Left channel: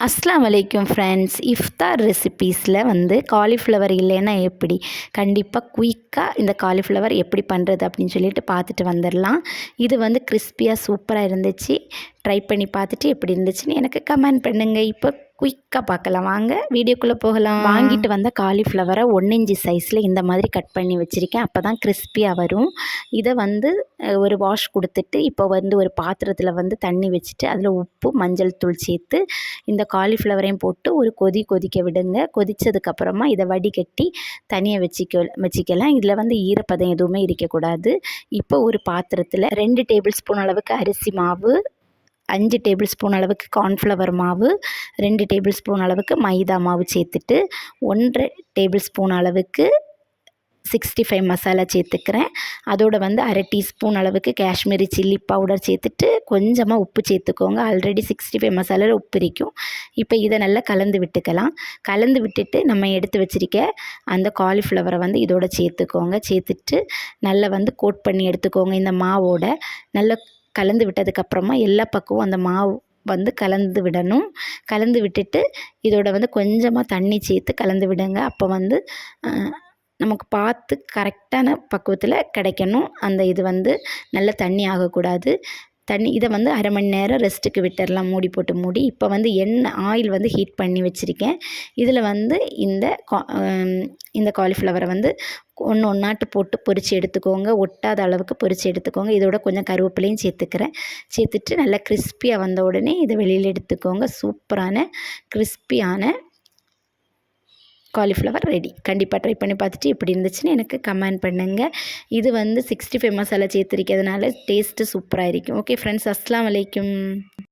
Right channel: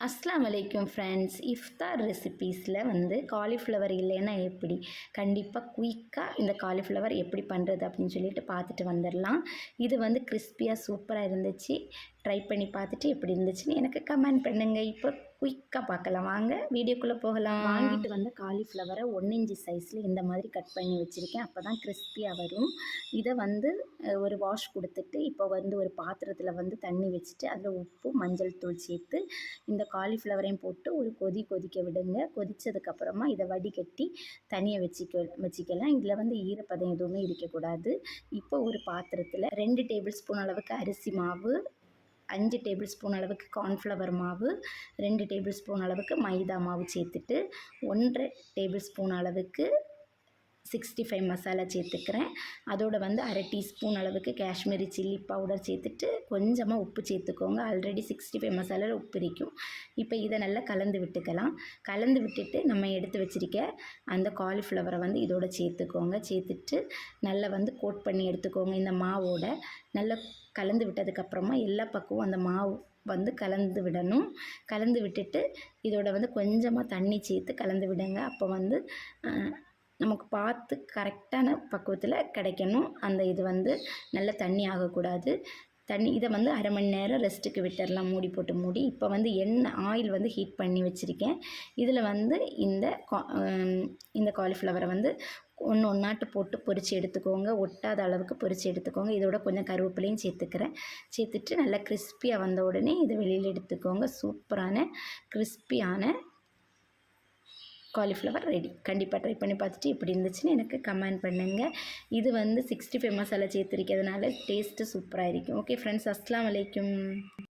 அஸ்லாம் வலைக்கும் ஃப்ரெண்ட்ஸ் இஃப்தார் ரெசிபீஸில் வந்து காலிஃப்ளவர் இல்லைன்னா எப்படி? கண்டிப்பாக குயிக்காக இந்த காலிஃப்ளவர் எப்படி பண்ணுறது அப்படின்னு சொல்லிட்டு பார்த்துட்டு வந்துடலாம். இது வந்து கிறிஸ்பியாக சூப்பராக இருந்துச்சு. ட்ரை பண்ணி பார்த்துட்டு எப்படி இருந்துச்சுன்னு எனக்கு கமெண்ட் பண்ணுங்கள் இப்போ குயிக்காக பார்க்கலாம். வாங்க வீடியோக்குள்ளே போகலாம். வாங்கிட்டு வந்த காலிஃப்ளவரை ஒன் இன்ச்சு சைஸில் இந்த மாதிரி கட் பண்ணி வச்சுருக்கேன். அப்போ தான் கிறிஸ்பியாக வரும். இதை வந்து ஒரு வாஷ் கொடுத்துட்டு இப்போ வந்து ஒரு பாத்திரத்தில் வந்து தண்ணி வச்சுட்டு அதில் உப்பு மஞ்சள் தூள் சேர்த்து இந்த காலிஃப்ளவரையும் போட்டு ஒரு கொதி கொதிக்க விடுங்க. கொதித்ததுக்கப்புறமா இதை வடிகட்டி தனியாக வச்சுக்க வச்சுக்கலாம். இதில் வந்து ஈரப்பதம் எதுவுமே இருக்கக்கூடாது. இப்போ ஒரு பாத்திரத்தில் ரெண்டு டேபிள் ஸ்பூன் அளவுக்கு அரிசி மாவு அஞ்சு டேபிள் ஸ்பூன் அளவுக்கு கார்ன்ஃப்ளவர் மாவு ரெண்டு டேபிள் ஸ்பூன் அளவுக்கு மைதா மாவு சேர்த்துட்டு ஒன்றரை டேபிள் ஸ்பூன் அளவுக்கு சிக்ஸ்டி ஃபைவ் மசாலா சேர்த்துக்கிறேன். அதோட வந்து அரை டீஸ்பூன் அளவுக்கு காஷ்மீரி சில்லி பவுடர் சேர்த்துட்டு கொஞ்சமாக உப்பு சேர்த்துக்கோங்க. ஆல்ரெடி சிக்ஸ்டி ஃபைவ் மசாலாவில் உப்பு இருக்கும். இப்போ இதை நல்லா கலந்து விட்டுக்கலாம். கலந்து விட்டுட்டு நம்ம எடுத்து வச்சிருக்க அந்த காலிஃப்ளவரை வந்து இதோட சேர்த்துக்கோங்க. சேர்த்துட்டு நல்லா வந்து கோட் பண்ணி எடுத்துக்கோங்க இந்த மாவோட. நல்லா கலந்து விட்டதுக்கப்புறமா எல்லா பக்கமும் அந்த மாவு வந்து கலந்து விடணும். கலந்து விட்டுட்டு இதோட வந்து கொஞ்சமாக தண்ணி சேர்த்து கலந்து விடுங்க. அப்போ வந்து நமக்கு பார்த்து கரெக்டான பக்குவத்தில் கிடைக்கணும். அந்த இது வந்து நல்ல தண்ணி ஆகக்கூடாது. தண்ணி இதை வந்து அரை மணி நேரம் ரெஸ்ட்டுக்கு விட்டுடலாம் மூடி போட்டு மூடி. இப்போ வந்து எண்ணெய் ஆயில் வந்து ஹீட் பண்ணி வச்சுருக்கேன். இதில் வந்து இந்த கா- இந்த காலிஃப்ளவரை வந்து ஒன்று ஒன்றாட்டு போட்டு பொரித்து எடுத்துக்கோங்க. ஒட்டாத அளவுக்கு பொரித்து எடுத்துக்கோங்க. இதோட கொஞ்சம் கருவேப்பிலையும் சேர்த்துக்கிறேன். சேர்த்துட்டு நல்லா கிறிஸ்பியாக வந்த உடனே இதை வெளியில் எடுத்துக்கோங்க. சூப்பரான கிறிஸ்பியான காலிஃப்ளவர் ரெடி கண்டிப்பாக ட்ரை பண்ணி பார்த்துட்டு எப்படி இருந்துச்சுன்னு எனக்கு கமெண்ட் பண்ணுங்கள் இது வந்து சிக்ஸ்டி ஃபைவ் மசாலா சேர்த்துருக்கிறதுனால டேஸ்ட்டு சூப்பராக இருக்கும். ஓகே ஃப்ரெண்ட்ஸ் அஸ்லாம் வலைக்கும்